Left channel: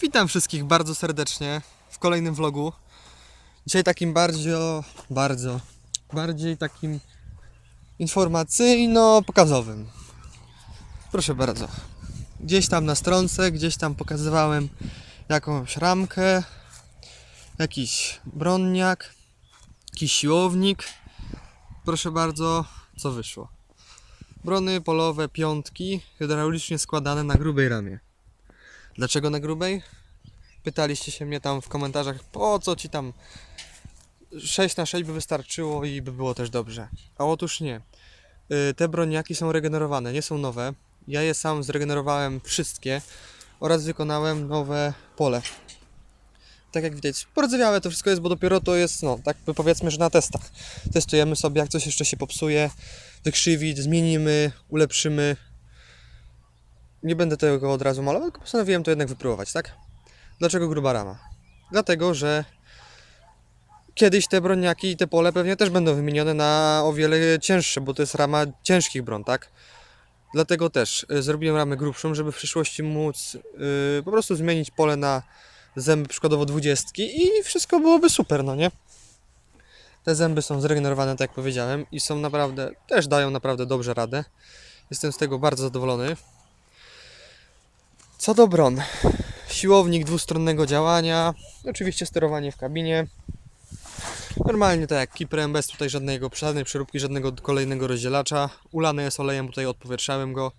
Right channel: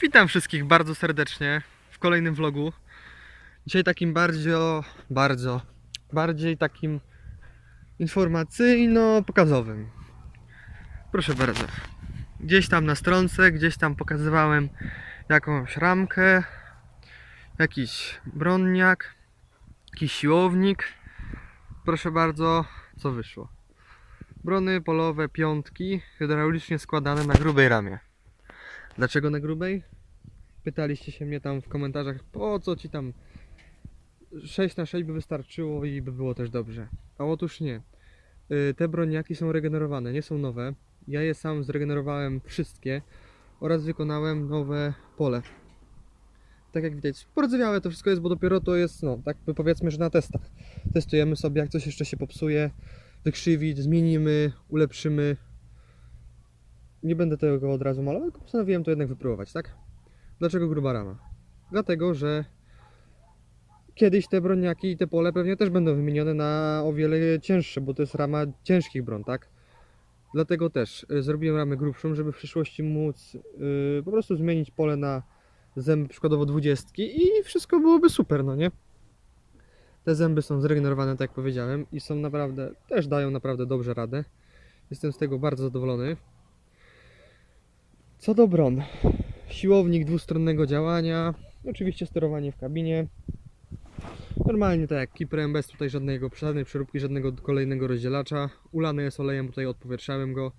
Witam wszystkich bardzo serdecznie w kolejnym vlogu. Dzisiaj takim bardziej, bardzo, bardziej takim informacyjno-pokazowym. Proszę bardzo. Gdzieś tam na stronce, gdzieś tam pokazywałem jakąś ramkę, jakiś bronniak, jakiś siłownik. Proszę bardzo, co wyszło. Brony polowe piątki, hydraulicznie składane na grubej ramie. Dlaczego na grubej? Pytaliście się mnie tam w komentarzach, po co ci tam 6 na 6 by wystarczyło i by było też dobrze. A otóż nie. Y, Te broniaki są regenerowane, nie są nowe. Ja je sam zregenerowałem wszystkie oraz wykonałem nowe pole. Tak jak widać, pordzewiałe to wszystko jest, bo dopiero to jest, no, tak powiedzmy, że na testach. Testujemy sobie, jak coś jeszcze się popsuje, wykrzywić, zmienimy, ulepszymy. Nie będę tego od razu malował, tylko postanowiłem to jednak wypróbować, tak? Dlaczego gruba rama? Dlatego, że kiedyś te broniaki i te pole pewnie też będą wymienione na o wiele cięższe, bo to jest rama ciężkich bron, tak? Dlatego też y, zrobiłem ramę grubszą, żeby w przyszłości móc y, po prostu zmienić pole na zęby przykładowo dwudziestki i wszystko byłoby super, no nie? Te zęby są zregenerowane, tak jak powiedziałem, i są naprawdę, też dają naprawdę dobrze radę. Jestem z tego bardzo zadowolony. Co do bron. Siłownik dwustronnego działania. Oczywiście sterowanie w kabinie. Normalnie tak jak Kiprem, bez tutaj żadnego, żadnej przeróbki, żadnego kolejnego rozdzielacza. Ulane jest olejem, tutaj odpowietrzałem go.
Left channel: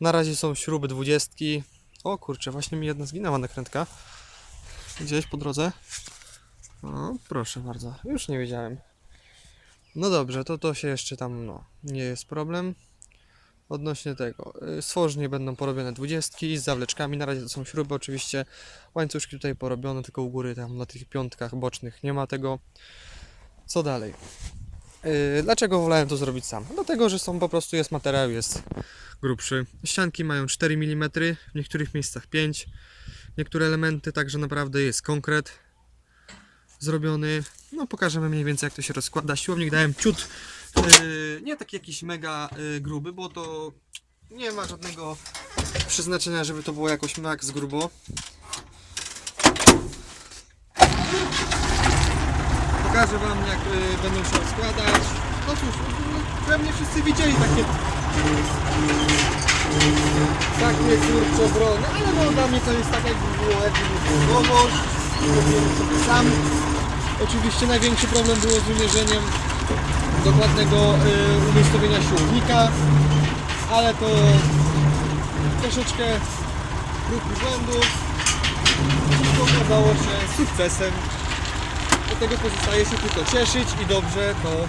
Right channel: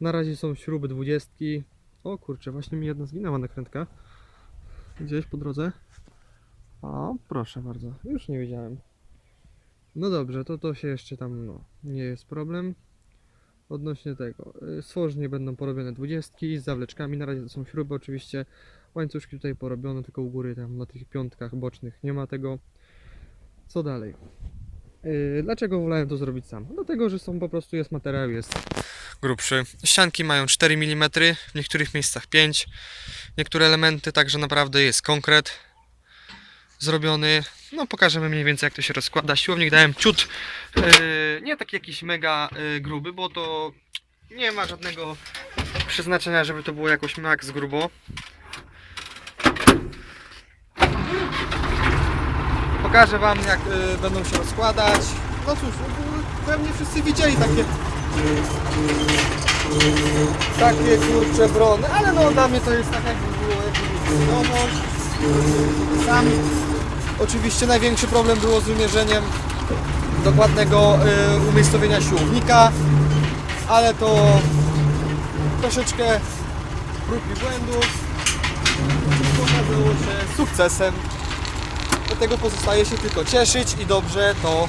Na razie są śruby dwudziestki. O kurczę, właśnie mi jedna zginęła nakrętka. Gdzieś po drodze. O, proszę bardzo. Już nie wiedziałem. No dobrze, to to się jeszcze tam, no, nie jest problem. Odnośnie tego, y, stworznie będą porobione dwudziestki z zawleczkami, na razie to są śruby oczywiście, łańcuszki tutaj porobione, tylko u góry tam na tych piątkach bocznych nie ma tego. Co dalej? Yy, dlaczego wolałem to zrobić sam? Dlatego, że są po prostu jest materiał, jest grubszy. Ścianki mają 4 mm, w niektórych miejscach 5. Niektóre elementy także naprawdę jest konkret zrobiony. No pokażemy mniej więcej jak to się rozkłada. Siłownik dałem ciut, yy, nie taki jakiś mega yy, gruby, bo to nie ma żadnego przeznaczenia, żeby to było jakoś max grubo. Pokażę Wam jak yy, będą się rozkładać. No cóż, yy, pewnie wszyscy widzieli takie takie kurcze brony, ale no dla mnie to jest tak jakby było jakby nowość. Sobie sam. Oczywiście największy problem było z wymierzeniem dokładnego y, umiejscowienia siłownika, ale to troszeczkę prób i błędów okazało się sukcesem. Dlatego pozostaje się tylko cieszyć i dobrze to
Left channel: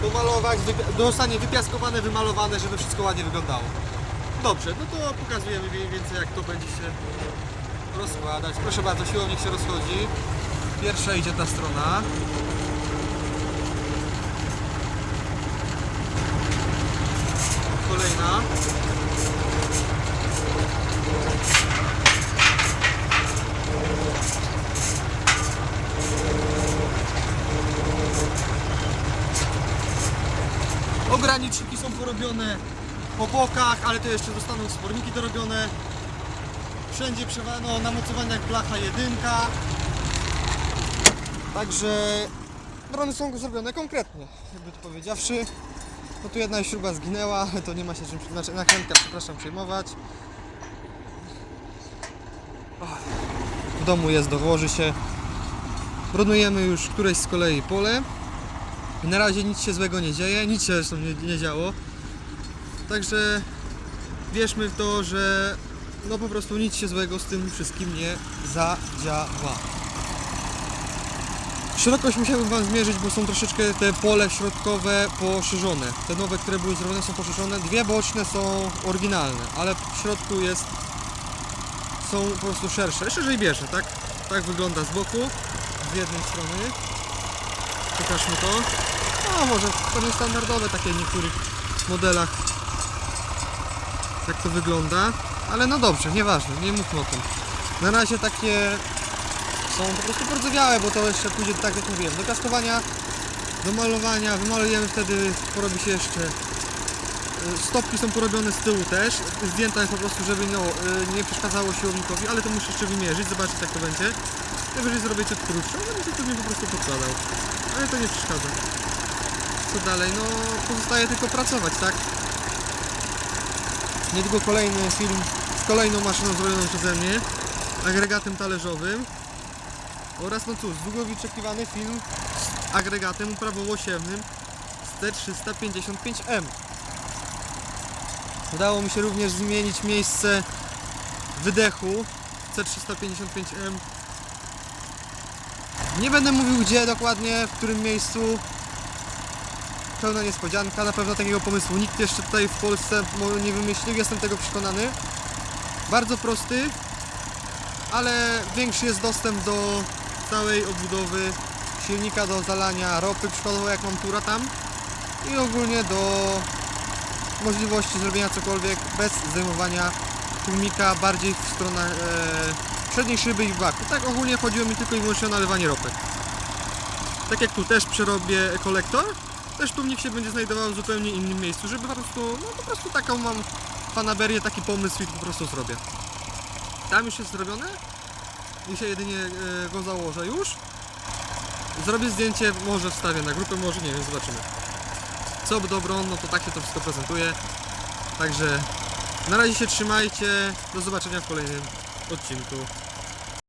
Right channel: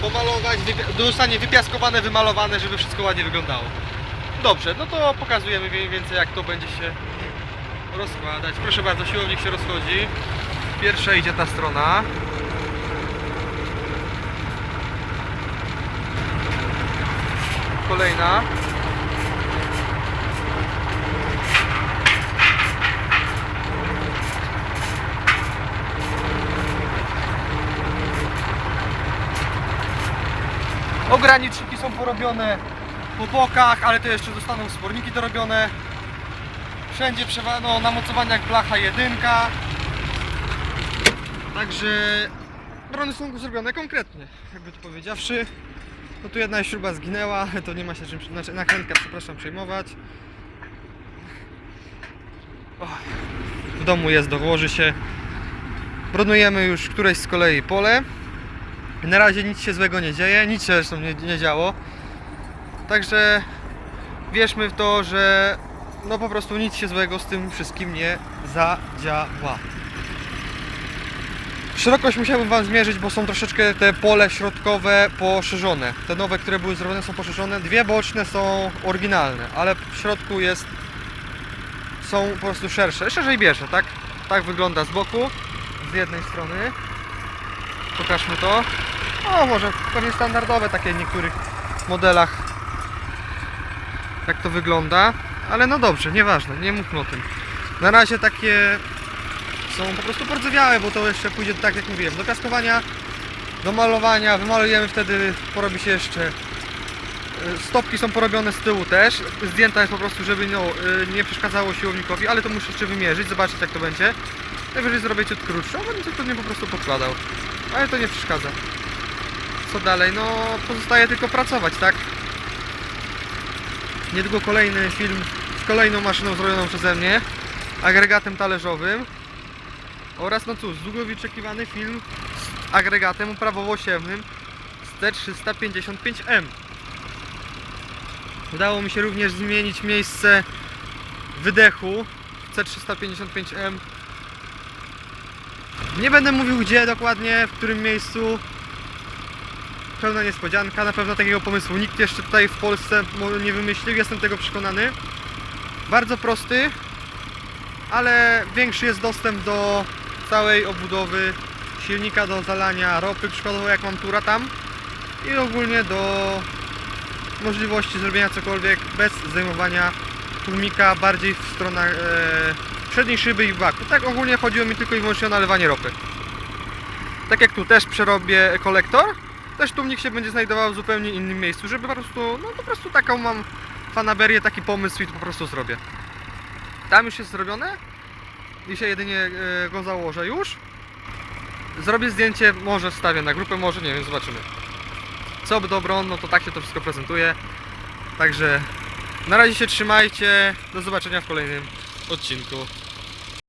pomalować, wypia- zostanie wypiaskowane, wymalowane, żeby wszystko ładnie wyglądało. Dobrze, no to pokazujemy mniej więcej jak to będzie się rozkładać. Proszę bardzo, siłownik się rozchodzi. Pierwsza idzie ta strona. Kolejna. Ograniczniki są porobione po bokach, ale to jeszcze zostaną sporniki dorobione. Wszędzie przewano na mocowaniach blacha jedynka. Także brony są zrobione konkretnie, jakby to powiedziawszy. No tu jedna śruba zginęła, to nie ma się czym, znaczy nakrętka, przepraszam, przejmować. W domu jest, dołoży się. Bronujemy już któreś z kolei pole. Na razie nic się złego nie dzieje, nic się zresztą nie, nie działo. Także wierzmy w to, że no po prostu nic się złego z tym wszystkim nie zadziała. Szerokość musiałbym Wam zmierzyć, bo są troszeczkę te pole środkowe poszerzone. Te nowe, które były zrobione są poszerzone. Dwie boczne są oryginalne, ale w środku jest są po prostu szersze. Szerzej bierze, tak? Tak wygląda z boku, z jednej strony. Pokażmy to. O, może pewnie standardowe takie w niektórych modelach. Jak to wygląda. Ale no dobrze, nieważne, nie mówmy o tym. Na razie takie są po prostu pordzewiałe, bo to jeszcze pójdzie tak jak mówiłem, do kaskowania, do malowania, wymalujemy wtedy, porobi się jeszcze Y, Stopki są porobione z tyłu też. Zdjęta jest po prostu, żeby no, y, nie przeszkadzało siłownikowi, ale to muszę jeszcze wymierzyć, zobaczyć jak to będzie. Najwyżej zrobię ciut krótszą, a będę to nie po prostu podkładał. Ale to nie przeszkadza. Co dalej? No pozostaje tylko pracować, tak? Niedługo kolejny film z kolejną maszyną zrobioną przeze mnie, agregatem talerzowym oraz no cóż, długo wyczekiwany film z agregatem uprawowo-siewnym z T355M. Udało mi się również zmienić miejsce wydechu w C355M. Nie będę mówił gdzie dokładnie, w którym miejscu. Pełna niespodzianka, na pewno takiego pomysłu nikt jeszcze tutaj w Polsce nie wymyślił, jestem tego przekonany. Bardzo prosty, ale większy jest dostęp do całej obudowy silnika do zalania ropy, przykładowo jak mam tura tam i ogólnie do możliwości zrobienia cokolwiek bez zdejmowania tłumika bardziej w stronach e, przedniej szyby i baku. Tak ogólnie chodziło mi tylko i wyłącznie o nalewanie ropy. Tak jak tu też przerobię kolektor, też tłumnik się będzie znajdował w zupełnie innym miejscu, żeby po prostu, no po prostu taką mam fanaberię, taki pomysł i to po prostu zrobię. Tam już jest zrobione. Dzisiaj jedynie e, go założę już. Zrobię zdjęcie, może wstawię na grupę, może nie wiem, zobaczymy. Co by dobro, no to tak się to wszystko prezentuje. Także na razie się trzymajcie. Do zobaczenia w kolejnym odcinku.